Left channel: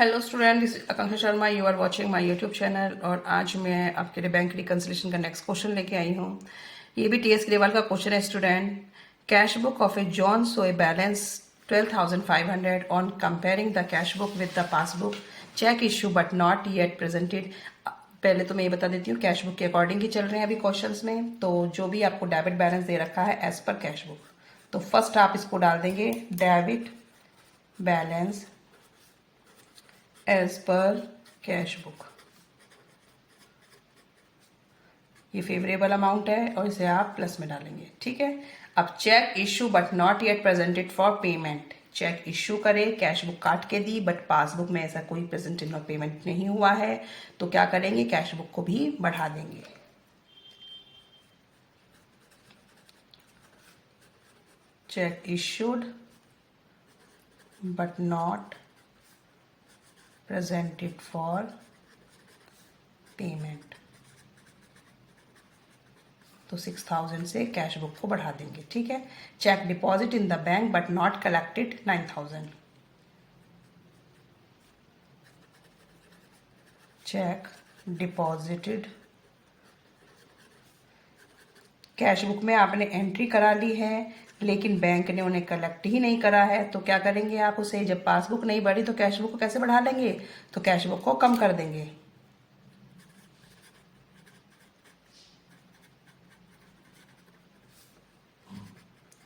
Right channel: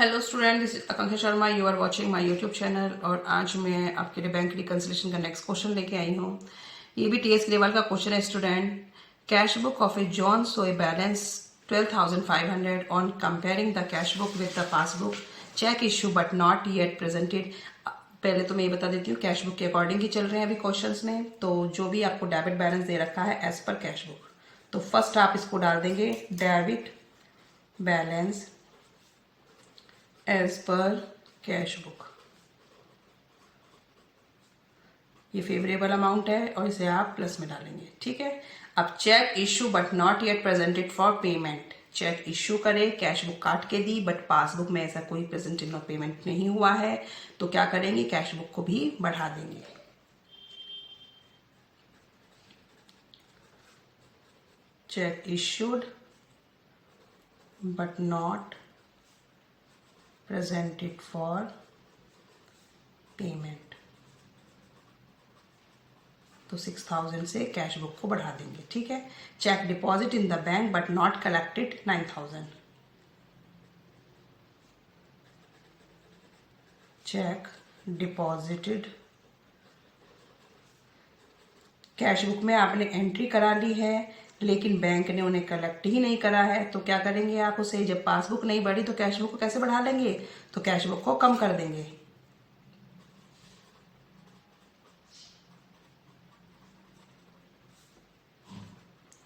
Hello student, this is Akanksha Sharma. You are watching my YouTube channel. और आज मैं आपके लिए बैंक रिकंसिलेशन का नेक्स्ट क्वेश्चन लेके आई हूँ। ये भी टीएस लेवल का क्वेश्चन है student. Cash book of A John show a balance 12,500 on comparing the cash book with the passbook. Cheque issue but not yet presented. पहले तो मैं ये बता देती हूँ, कैश बुक के अकॉर्डिंग ही चल रहे हैं अभी क्वेश्चंस में। तो जो भी आपको डेबिट बैलेंस दे रखा है एज पर कैश बुक, तो फर्स्ट आप इसको डाल देंगे debit balance as per cash book. ये फेवरेबल अमाउंट है और इसे आप प्लस में डालेंगे, ठीक है। अब cheque issue but not yet presented for payment. Cheque issue करे, कैश बुक काट के दी, बट पासबुक में ऐसा कोई प्रेजेंटेड और पेमेंट नहीं हुआ है, तो क्या करेंगे, कैश बुक को भी बढ़ा देंगे। Check issued but not presented for payment, तो 6,000 से कैश बुक को बढ़ा देंगे, ठीक है। Cheque deposit in the bank but not collected 9,000। Cheque deposited, cash book में आपने एंट्री करा ली है लेकिन बैंक ने उन्हें कलेक्ट ही नहीं करा है, तो क्या करेंगे आप उसे, जब पासबुक नहीं बढ़ी तो कैश बुक को कैसे बढ़ा लेंगे, तो कैश बुक को कम कर देंगे।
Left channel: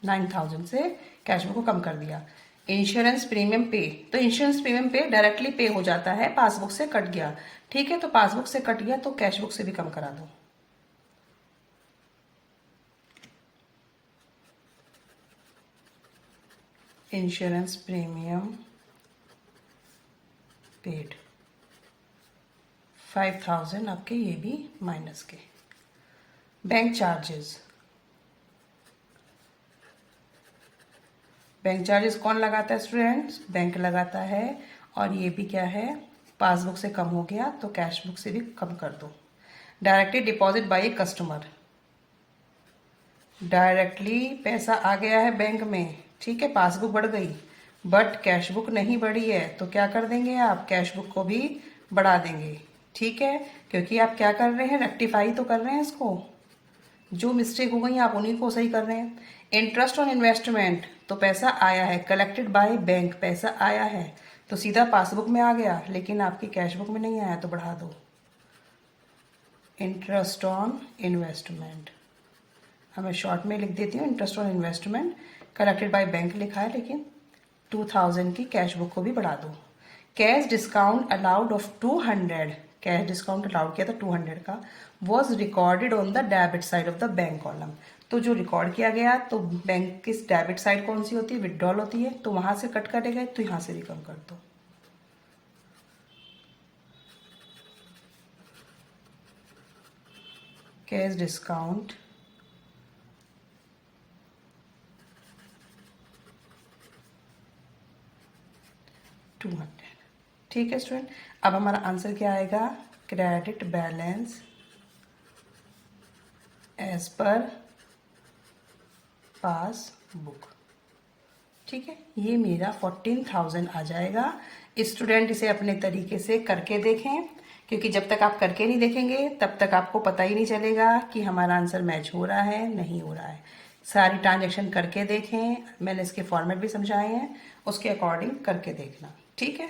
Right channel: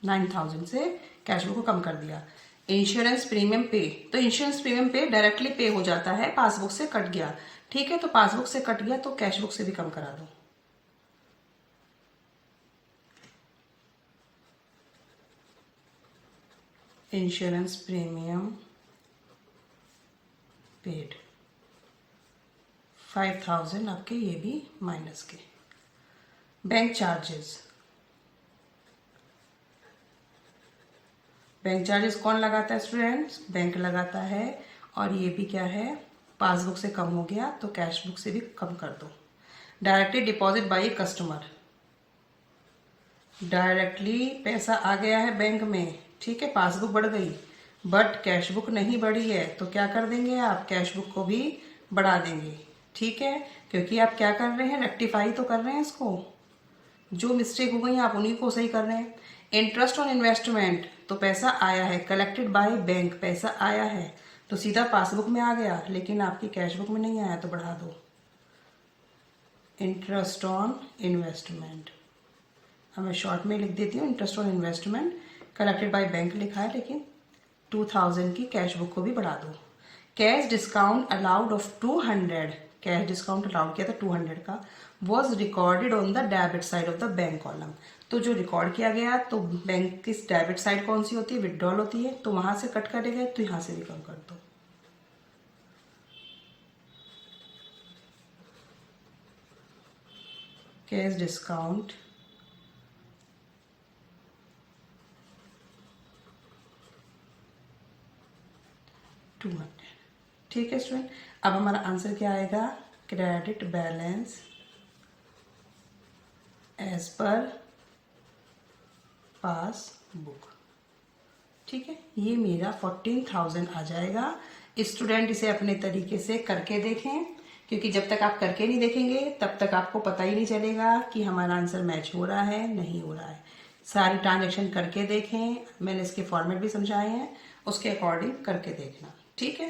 $9,000 से कैश बुक को कम कर दिया। इंश्योरेंस प्रीमियम पे, तो इंश्योरेंस प्रीमियम पे डायरेक्टली पे हो जाता है, पासबुक से कट गया, ठीक है। तो पासबुक से कट गया तो कैश बुक से भी कम करा दो। इंश्योरेंस प्रीमियम पेड 5,000 आपके, ये भी माइनस के। बैंक चार्जेस, बैंक चार्जेस कौन लगाता है स्टूडेंट्स, बैंक लगाता है। और ये भी क्या है, पासबुक से कम हो गया तो कैश बुक से भी कम कर दो। Directly deposit by customer, directly पैसा आ गया है बैंक में, ठीक है, पासबुक बढ़ गई बट कैश बुक नहीं बढ़ी है, तो क्या कर देंगे आप, कैश बुक को भी बढ़ा देंगे, ठीक है। क्योंकि आप क्या कर रहे हैं, रेक्टिफाई तो कर रहे हैं इसको, जो मिस्टेक हो गई आप उन्हीं को सही कर रहे हैं। इंटरेस्ट ऑन इन्वेस्टमेंट, तो पैसा आया है, कलेक्टेड बाय बैंक, पैसा आया है तो सीधा पासबुक में आ गया, लेकिन आपकी कैश बुक में नहीं आया, तो बढ़ा दो। इंटरेस्ट ऑन इन्वेस्टमेंट, मैं शॉर्ट में लिख देती हूँ, interest on investment collected by bank लिखा है, लेकिन 2,000 की कैश बुक को भी बढ़ा दो। Cash discount allowed of 200, cash discount allowed किया था 200 का, was recorded on the debit side of the bank column. तो जो रिकॉर्ड किया गया, तो बैंक की डेबिट साइड कौन सी होती है, विड्रॉल होती है, तो वहां से कट करे गए, तो यहां से भी कम कर दो। कैश डिस्काउंट $200, ठीक है स्टूडेंट। अब हमारा आंसर क्या आएगा, credit balance as per passbook, ठीक है। ये मेरा 14,000 आ जाएगा। स्टूडेंट इसे अपने तरीके से करके देखें, क्योंकि जब तक आप करके नहीं देखेंगे तब तक आपको पता ही नहीं चलेगा कि हमारा आंसर मैच हो रहा है नहीं हो रहा है। सारी ट्रांजेक्शन करके देखें, मैंने इसके फॉर्मेट भी समझाए हैं, उसके अकॉर्डिंग करके देखना, ठीक है।